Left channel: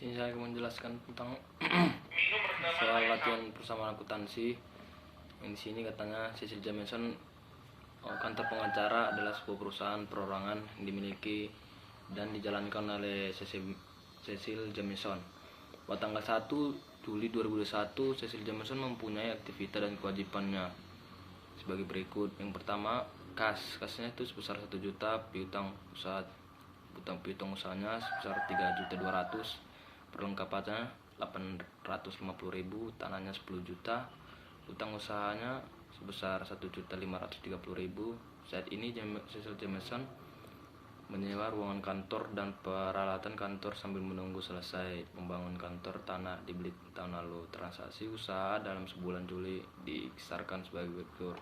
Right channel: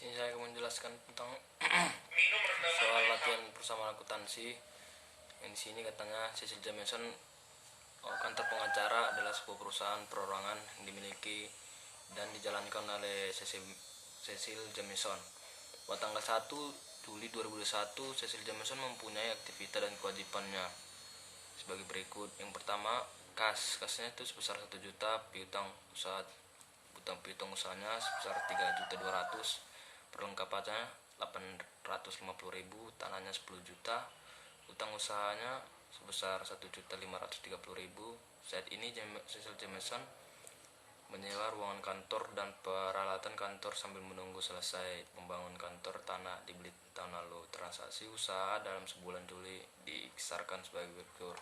Sini saya akan menjelaskan tentang soal latihan bersama akuntansi. Yang di sini katanya Cecil Jamieson, kantor pengacara adalah sebuah perusahaan perorangan yang dimiliki dan dijalankan oleh Cecil Jamieson. Pada tanggal 1 Juli 2021, Cecil Jamieson mempunyai aktivitas dan kewajibannya sebagai berikut. Yang pertama, kasnya itu sebesar 1 juta, piutang usahanya sebesar 3.200.000, perlengkapannya 850.000, tanahnya 10 juta, utang usahanya sebesar 1.530.000. Saat ini Cecil Jamieson menyewa ruangan kantor dan peralatan kantor sambil menunggu selesai pembangunan kantor tanah dibeli tahun lalu. Transaksi usaha dalam sebulan Juli dikisarkan sebagai berikut.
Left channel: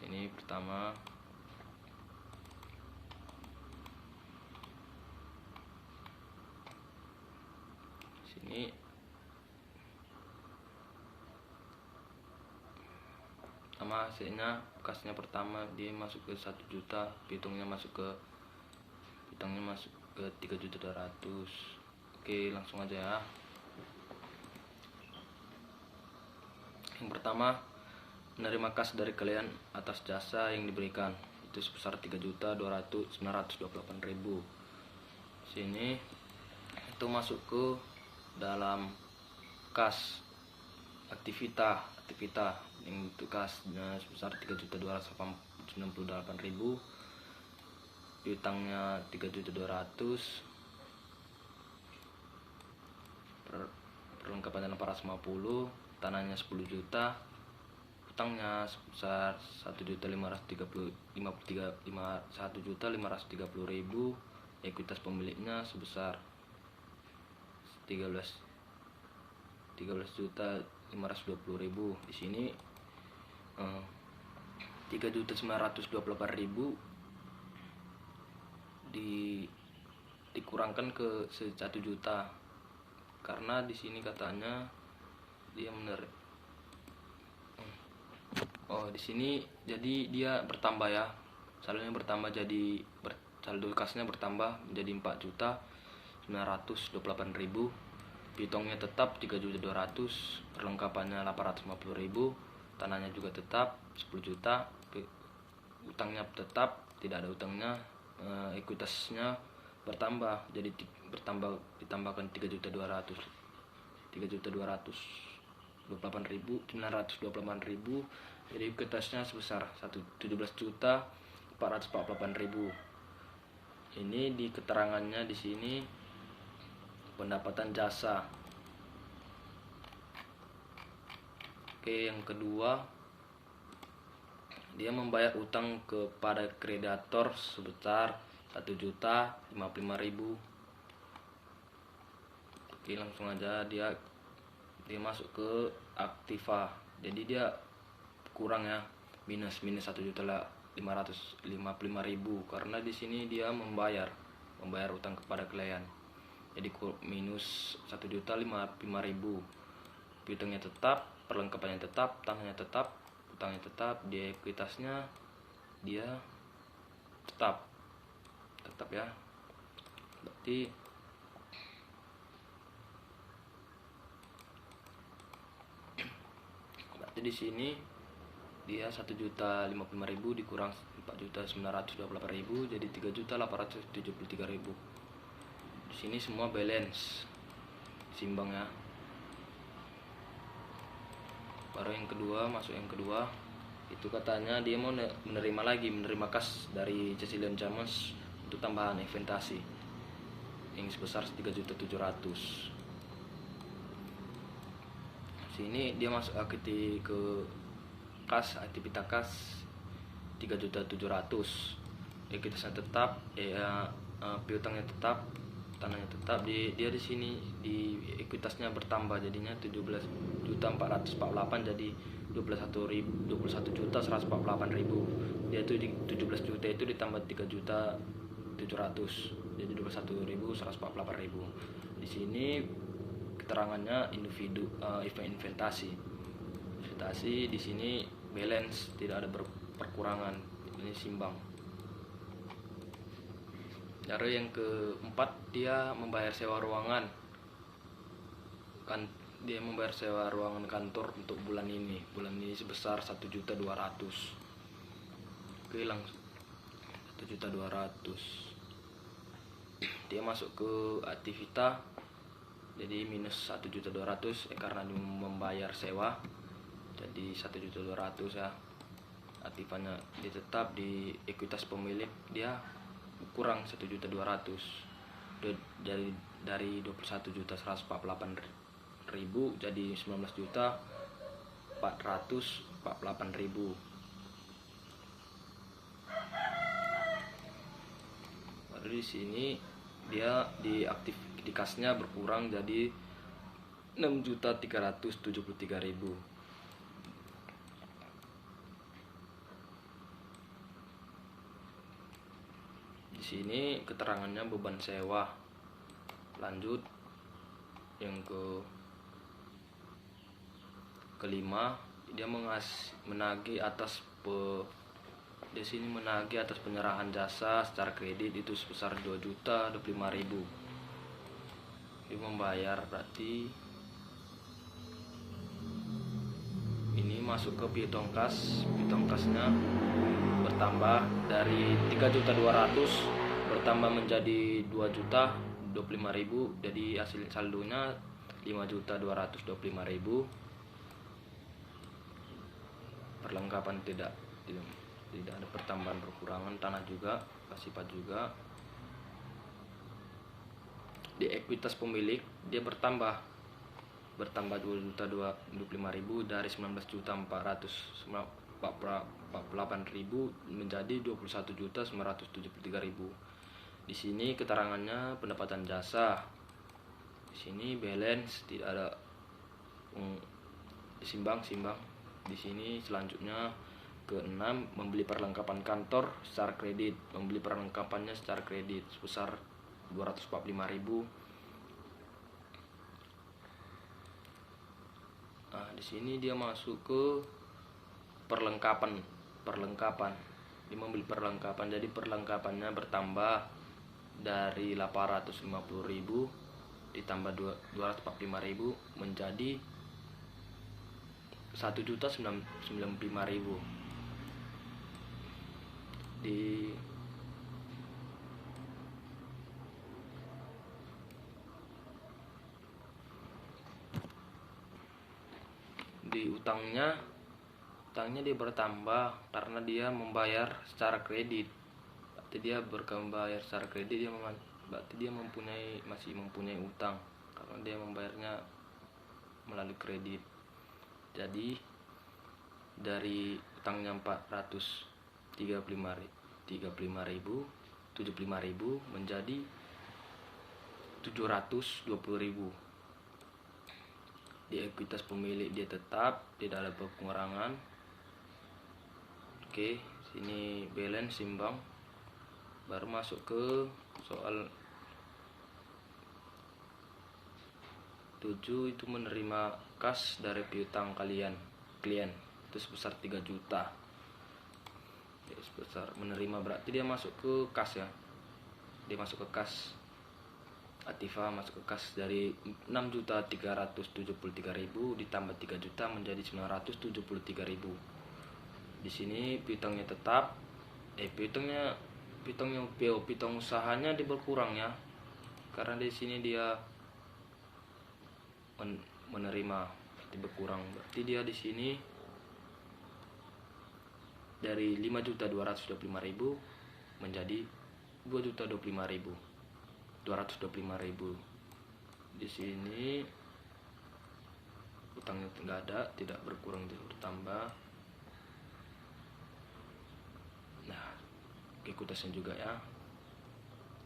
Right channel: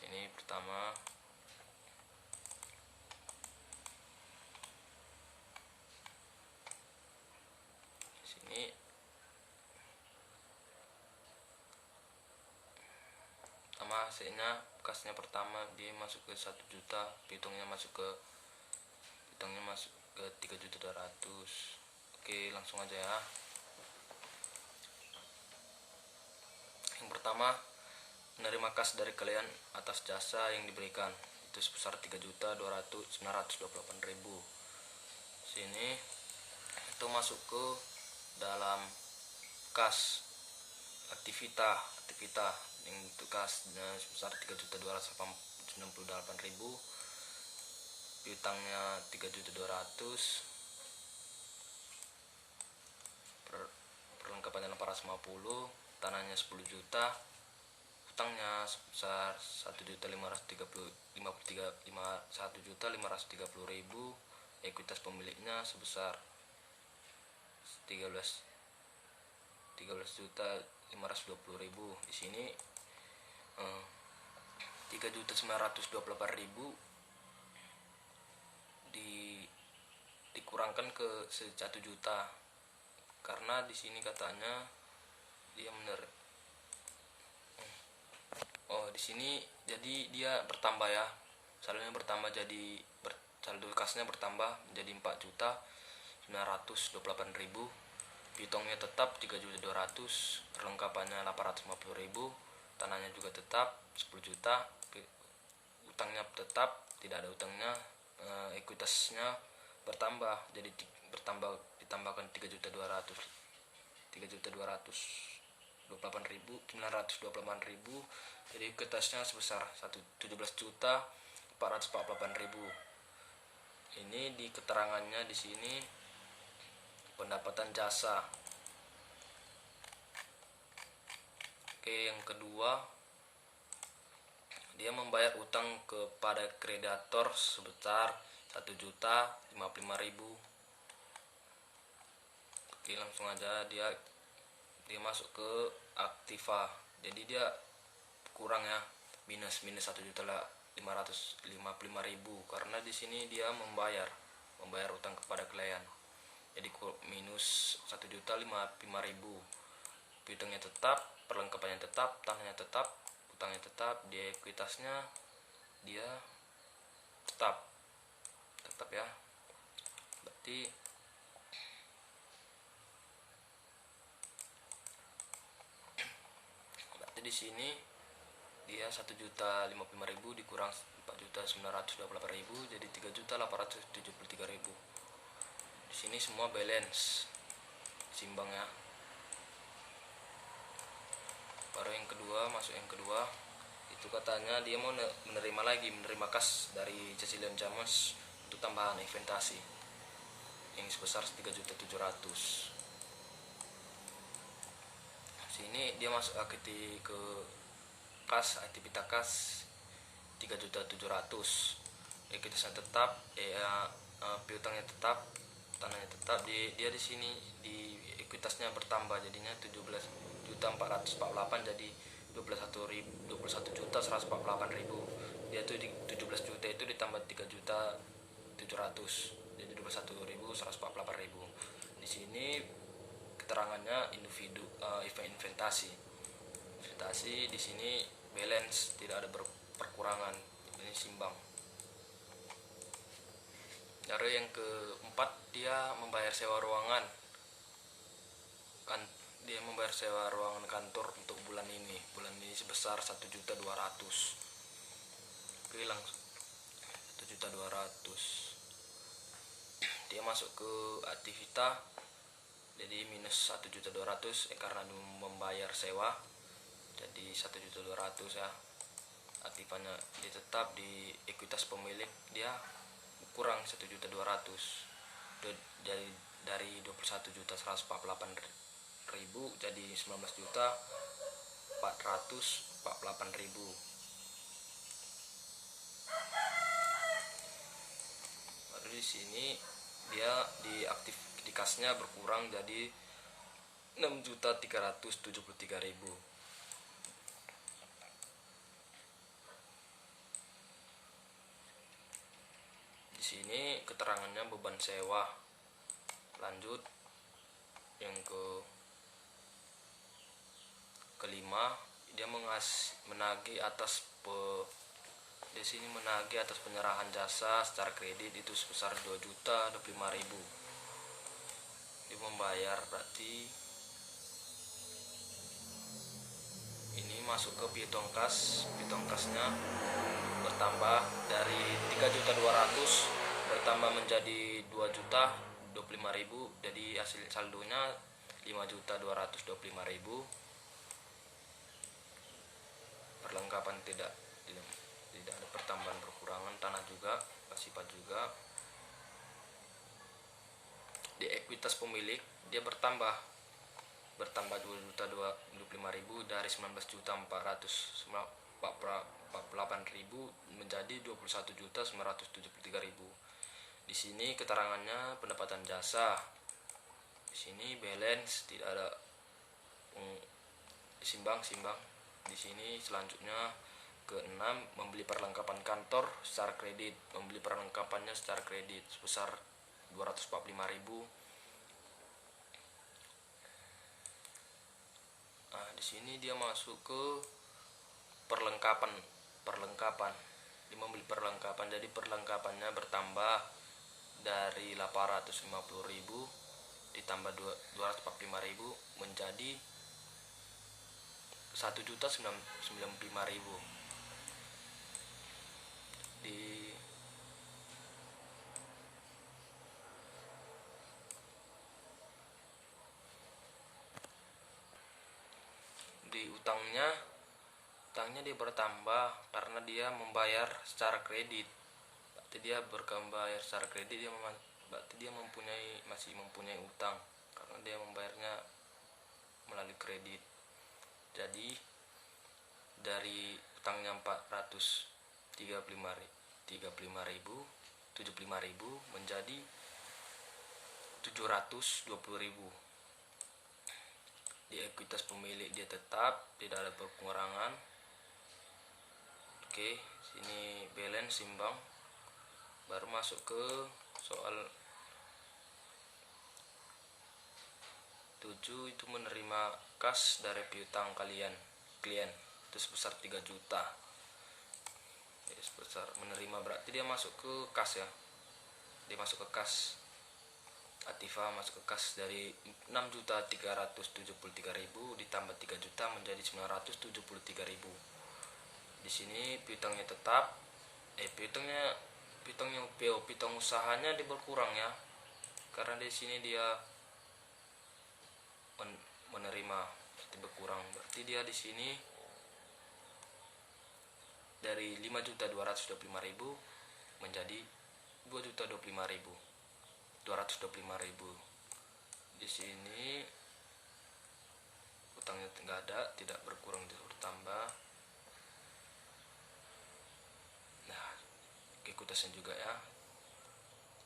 Ini pertama, sini sama hasilnya. Kasnya pertama dia masuk ke 1 juta, hitungnya masuk ke 3.200.000. Oke, langsung aja ya. Yang pertama, menerima kas dari klien atas jasa yang diberikan itu sebesar 3.928.000. Sini itu masuk ke dalam kas aktivita yang itu kasnya sebesar 3.298.000, piutangnya 3.200.000, perlengkapannya 450, tanahnya 10 juta, utangnya sebesar 1.530.000, ekuitas pemiliknya sebesar 13.520.000. Di sini 3.928.000 dikurangkan ke 1 juta karena di sini katanya dia di sini jadi dia bertambah ya, saldonya bertambah, jadi saldo kasnya bertambah menjadi 4.928.000, piutangnya tetap 3.200.000, perlengkapannya 850.000, tanahnya juga tetap 10 juta, utangnya tetap tidak ada utangnya, ekuitasnya bertambah jadi ditambahkan 3.228.000, jadi ekuitasnya sebesar 17.448.000. Ini di keterangannya di sini pendapatan jasa. Oke, yang kedua, dia membayar utang kepada kreditor sebesar 1.055.000. Oke, langsung aja dia masuk ke aktiva. Jadi dia kurang ya, minus 1.555.000 karena di sini dia membayar utang kepada klien. Jadi minus 1.055.000, piutangnya tetap, perlengkapannya tetap, tanahnya tetap, utangnya tetap, di ekuitasnya dia tetap ya. Berarti di sini dia 1.055.000 dikurang 4.928.000 jadi 3.873.000. Di sini semua balance simbang ya. Baru yang kedua, masuk yang kedua, itu katanya dia mau menerima kas dari Cecil Jamieson untuk tambahan inventasi yang sebesar 3.700.000. Sini dia masuk ke kas aktivitas kas 3.700.000, ekuitasnya tetap, piutangnya tetap, tanahnya tetap. Dia di sini di ekuitasnya bertambah jadinya 17.448 jadi 21.148.000. Dia tuh di 17 juta itu ditambah 3.700.000 jadi 21.148.000. Di sini keterangannya inventasi di sini balance, tidak ada perkurangan, ini simbang. Cara yang keempat, dia membayar sewa ruangan. Dia membayar sewa ruangan kantor untuk bulan ini sebesar 1.200.000. Oke, langsung 1.200.000. Dia masuk ke aktivita, jadi minus 1.200.000 karena dia membayar sewa, jadi 1.200.000 ya. Aktifanya dia tetap di ekuitas pemilik, dia kurang 1.200.000 dari 21.148.000 jadi 19.448.000. Baru di sini dia di kasnya berkurang jadi 6.373.000. Di sini keterangannya beban sewa. Lanjut yang kelima, dia menagih atas di sini menagih atas penyerahan jasa secara kredit itu sebesar 2.025.000. Dia membayar, berarti ini masuk ke piutang kas. Piutang kasnya bertambah dari 3.200.000 bertambah menjadi 2.025.000, jadi hasil saldonya 5.225.000. Perlengkapan tidak ada pertambahan perkurangan, tanah juga, sifat juga. Di ekuitas pemilik dia bertambah 2.225.000 dari 19.448.000 menjadi 21.973.000. Di sini keterangannya pendapatan jasa. Di sini balance tidak ada simbang. Di sini selanjutnya ke-6, membeli perlengkapan kantor secara kredit. Membeli perlengkapannya secara kredit sebesar 245.000. Nah, di sini dia masuk ke perlengkapan. Dia membeli perlengkapan, jadi perlengkapannya bertambah dari 850.000 ditambah 245.000 menjadi 1.095.000. Di utangnya dia bertambah karena dia membayar secara kredit. Berarti dia berbayar secara kredit, berarti dia masih mempunyai utang karena dia membayarnya melalui kredit. Jadi dari utangnya 435.000 menjadi 720.000. Di ekuitas pemilik dia tetap tidak ada pengurangan. Oke, sini balance simbang. Baru masuk ke soal 7, itu menerima kas dari piutang klien itu sebesar 3 juta. Sebesar menerima berarti dia masuk ke kas ya. Dia masuk ke kas. Aktiva masuk ke kas dari 6.373.000 ditambah 3 juta menjadi 973.000. Di sini piutangnya tetap piutang usahanya dia berkurang ya. Karena di sini dia menerima berarti berkurang. Berarti dia di sini dari 5.225.000 menjadi 2.025.000. Di sini utangnya tidak ada, tidak berkurang, tidak bertambah. Nah, ekuitasnya juga ya.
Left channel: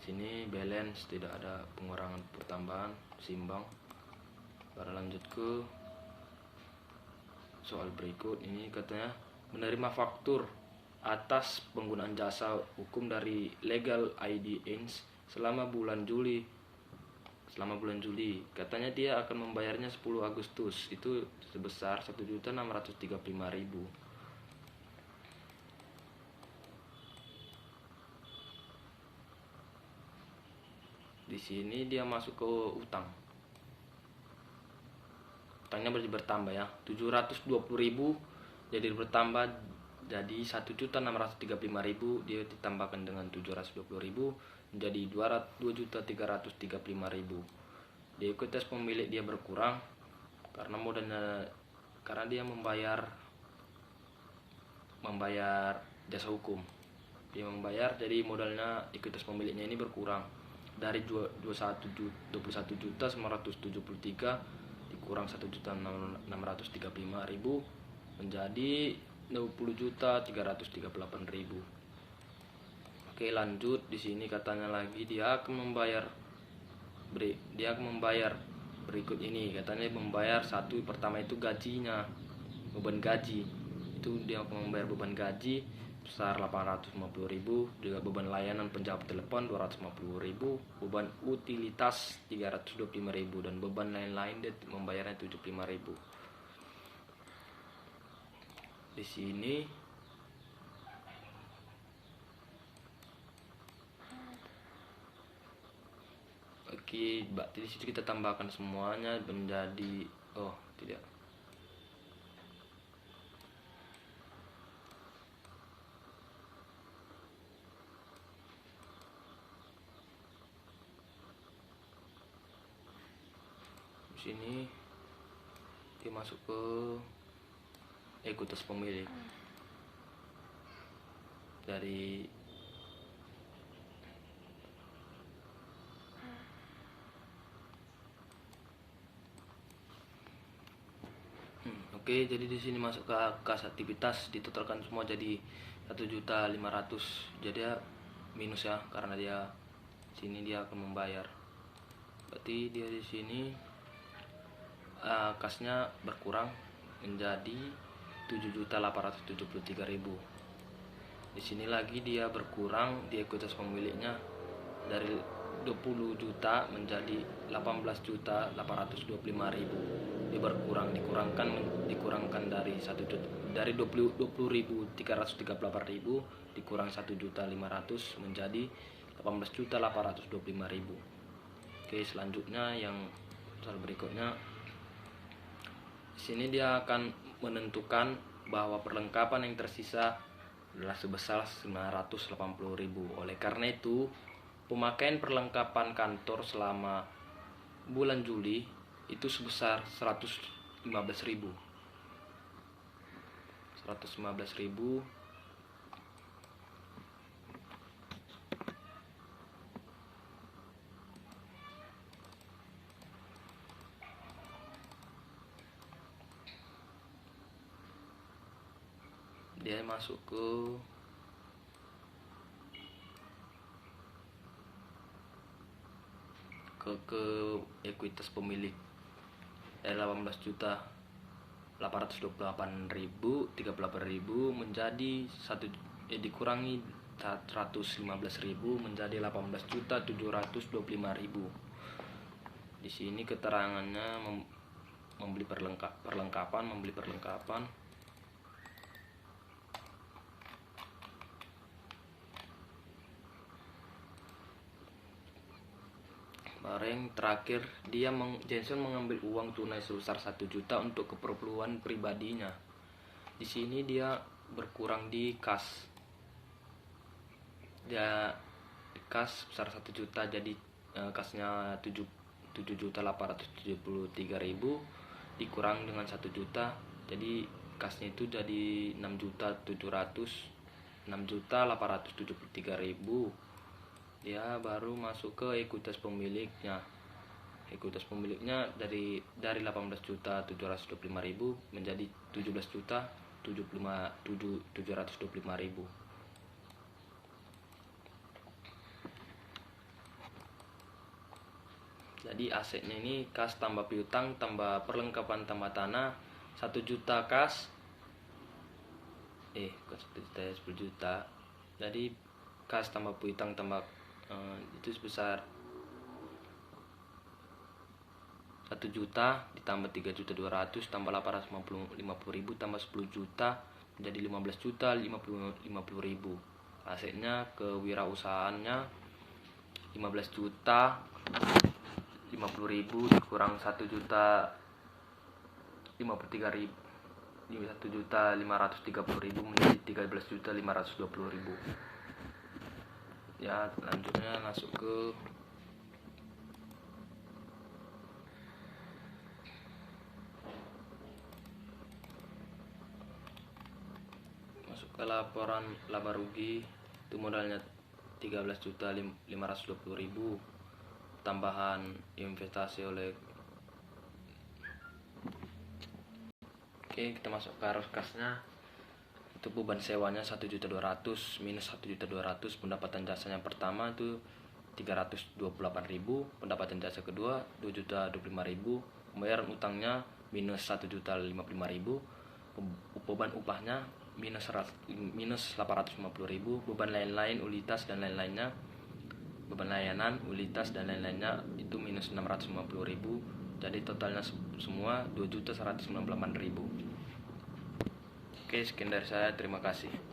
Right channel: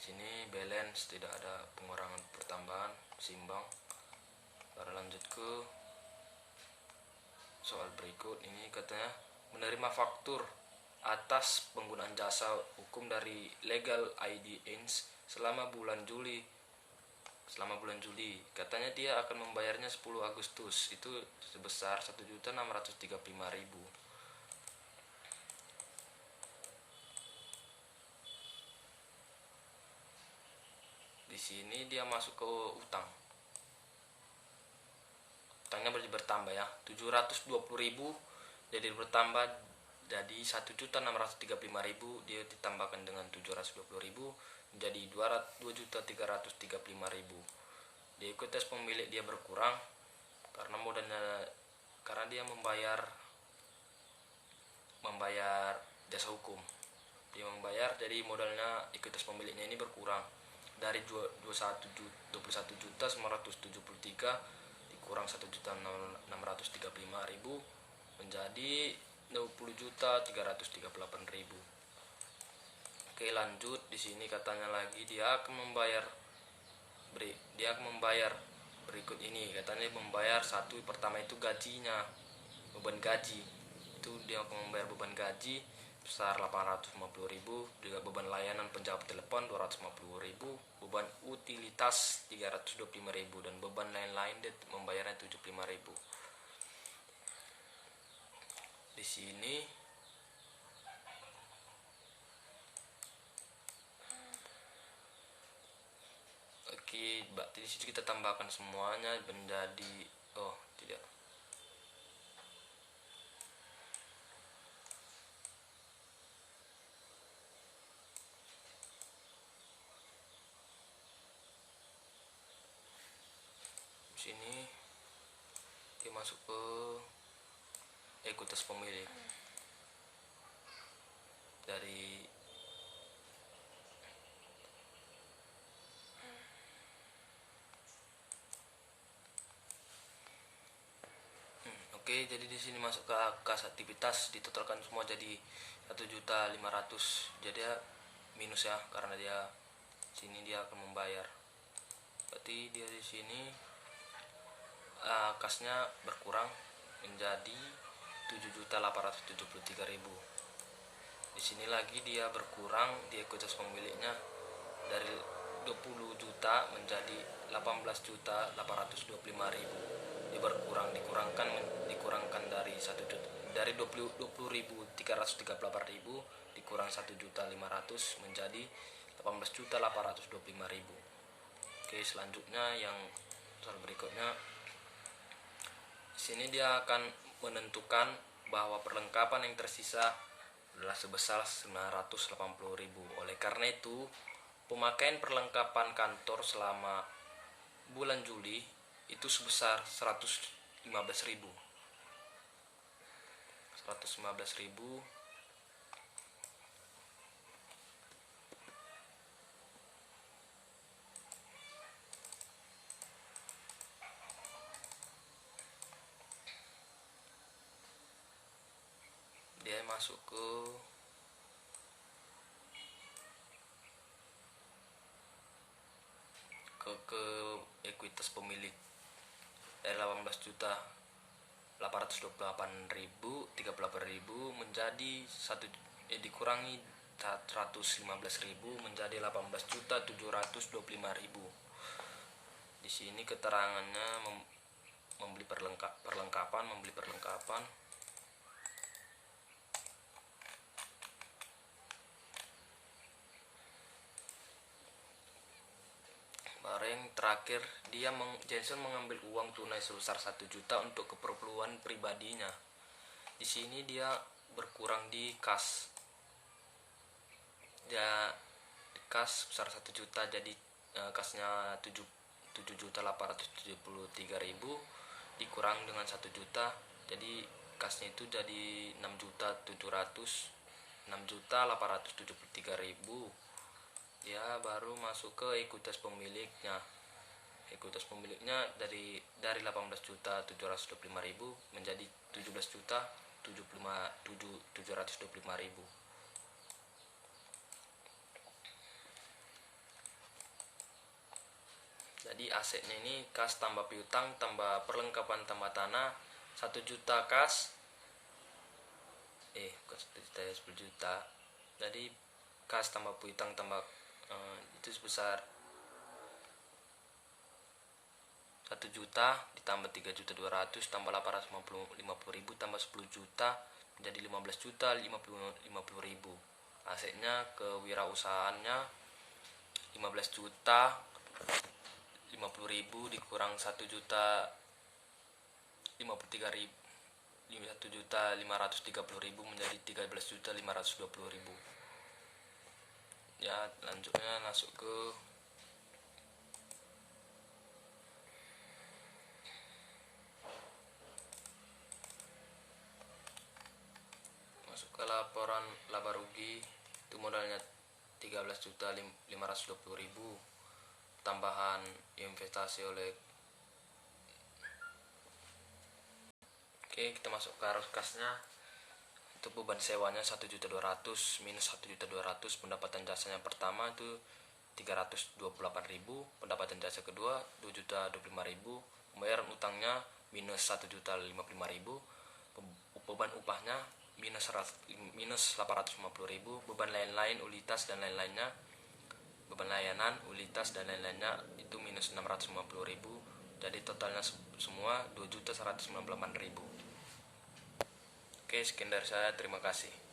Di sini balance tidak ada pengurangan pertambahan, simbang. Baru lanjut ke soal berikut. Ini katanya menerima faktur atas penggunaan jasa hukum dari Legal ID Ins selama bulan Juli. Katanya dia akan membayarnya 10 Agustus itu sebesar 1.635.000. sini dia masuk ke utang. Utangnya bertambah ya, 720.000 jadi bertambah jadi 1.635.000, dia ditambahkan dengan 720.000 menjadi 2.335.000. Di ekuitas pemilik dia berkurang karena modalnya, karena dia membayar jasa hukum. Dia membayar, jadi modalnya ekuitas pemiliknya ini berkurang dari 21.973 dikurang 1.635.000 menjadi 20.338.000. Oke, lanjut. Di sini katanya lagi dia akan membayar berikut ini. Katanya membayar satu, pertama itu gajinya, beban gaji. Itu dia akan membayar beban gaji besar 850.000, juga beban layanan penjawab telepon 250.000, beban utilitas 325.000, dan beban lain-lain dia membayarnya 75.000. Di sini oke, berarti di situ kita tambahkan semuanya menjadi tidak. Di sini dia masuk ke ekuitas pemilik dari Oke, jadi di sini masuk ke kas aktivitas, ditotalkan semua jadi 1.500.000. Jadi ya minus ya, karena dia sini dia akan membayar. Berarti dia di sini kasnya berkurang menjadi 7.873.000. Di sini lagi dia berkurang di ekuitas pemiliknya dari 20 juta menjadi 18.825.000. Dia berkurang, dikurangkan dari 20.338.000 dikurang 1.500.000 menjadi 18.825.000. Oke, selanjutnya yang soal berikutnya, sini dia akan menentukan bahwa perlengkapan yang tersisa adalah sebesar 980.000. Oleh karena itu, pemakaian perlengkapan kantor selama bulan Juli itu sebesar 115.000. Dia masuk ke ekuitas pemilik dari 18.828.038.000 menjadi dikurangi 115.000 menjadi 18.725.000. Di sini keterangannya membeli perlengkapan. Bareng terakhir Jensen mengambil uang tunai sebesar 1 juta untuk keperluan pribadinya. Di sini dia berkurang di kas. Dia kas besar 1 juta, jadi kasnya 7.873.000 dikurang dengan 1 juta, jadi kasnya itu jadi 6.873.000. Dia baru masuk ke ekuitas pemiliknya. Ekuitas pemiliknya dari 18.725.000 menjadi 17.725.000. Jadi asetnya ini kas tambah piutang tambah perlengkapan tambah tanah 1 juta kas, bukan 1 juta ya, 10 juta. Jadi kas tambah piutang tambah itu sebesar 1 juta ditambah 3.200.000 tambah 850.000 tambah 10 juta menjadi 15.050.000. Asetnya kewirausahaannya 15 juta 50.000 dikurang 1.053.000, 1.530.000 menjadi 13.520.000. Ya, lanjutnya masuk ke laporan laba rugi. Itu modalnya 13.520.000, tambahan investasi oleh. Oke, kita masuk ke arus kasnya. Itu beban sewanya 1.200.000 minus 1.200.000. Pendapatan jasanya pertama itu 328.000, pendapatan jasa kedua 2.025.000, pembayaran utangnya minus 1.055.000, beban upahnya minus 850.000, beban lain-lain ulitas dan lain-lainnya, beban layanan ulitas dan lain-lainnya itu minus 650.000. Jadi totalnya semua 2.198.000. Oke, sekian dari saya, terima kasih.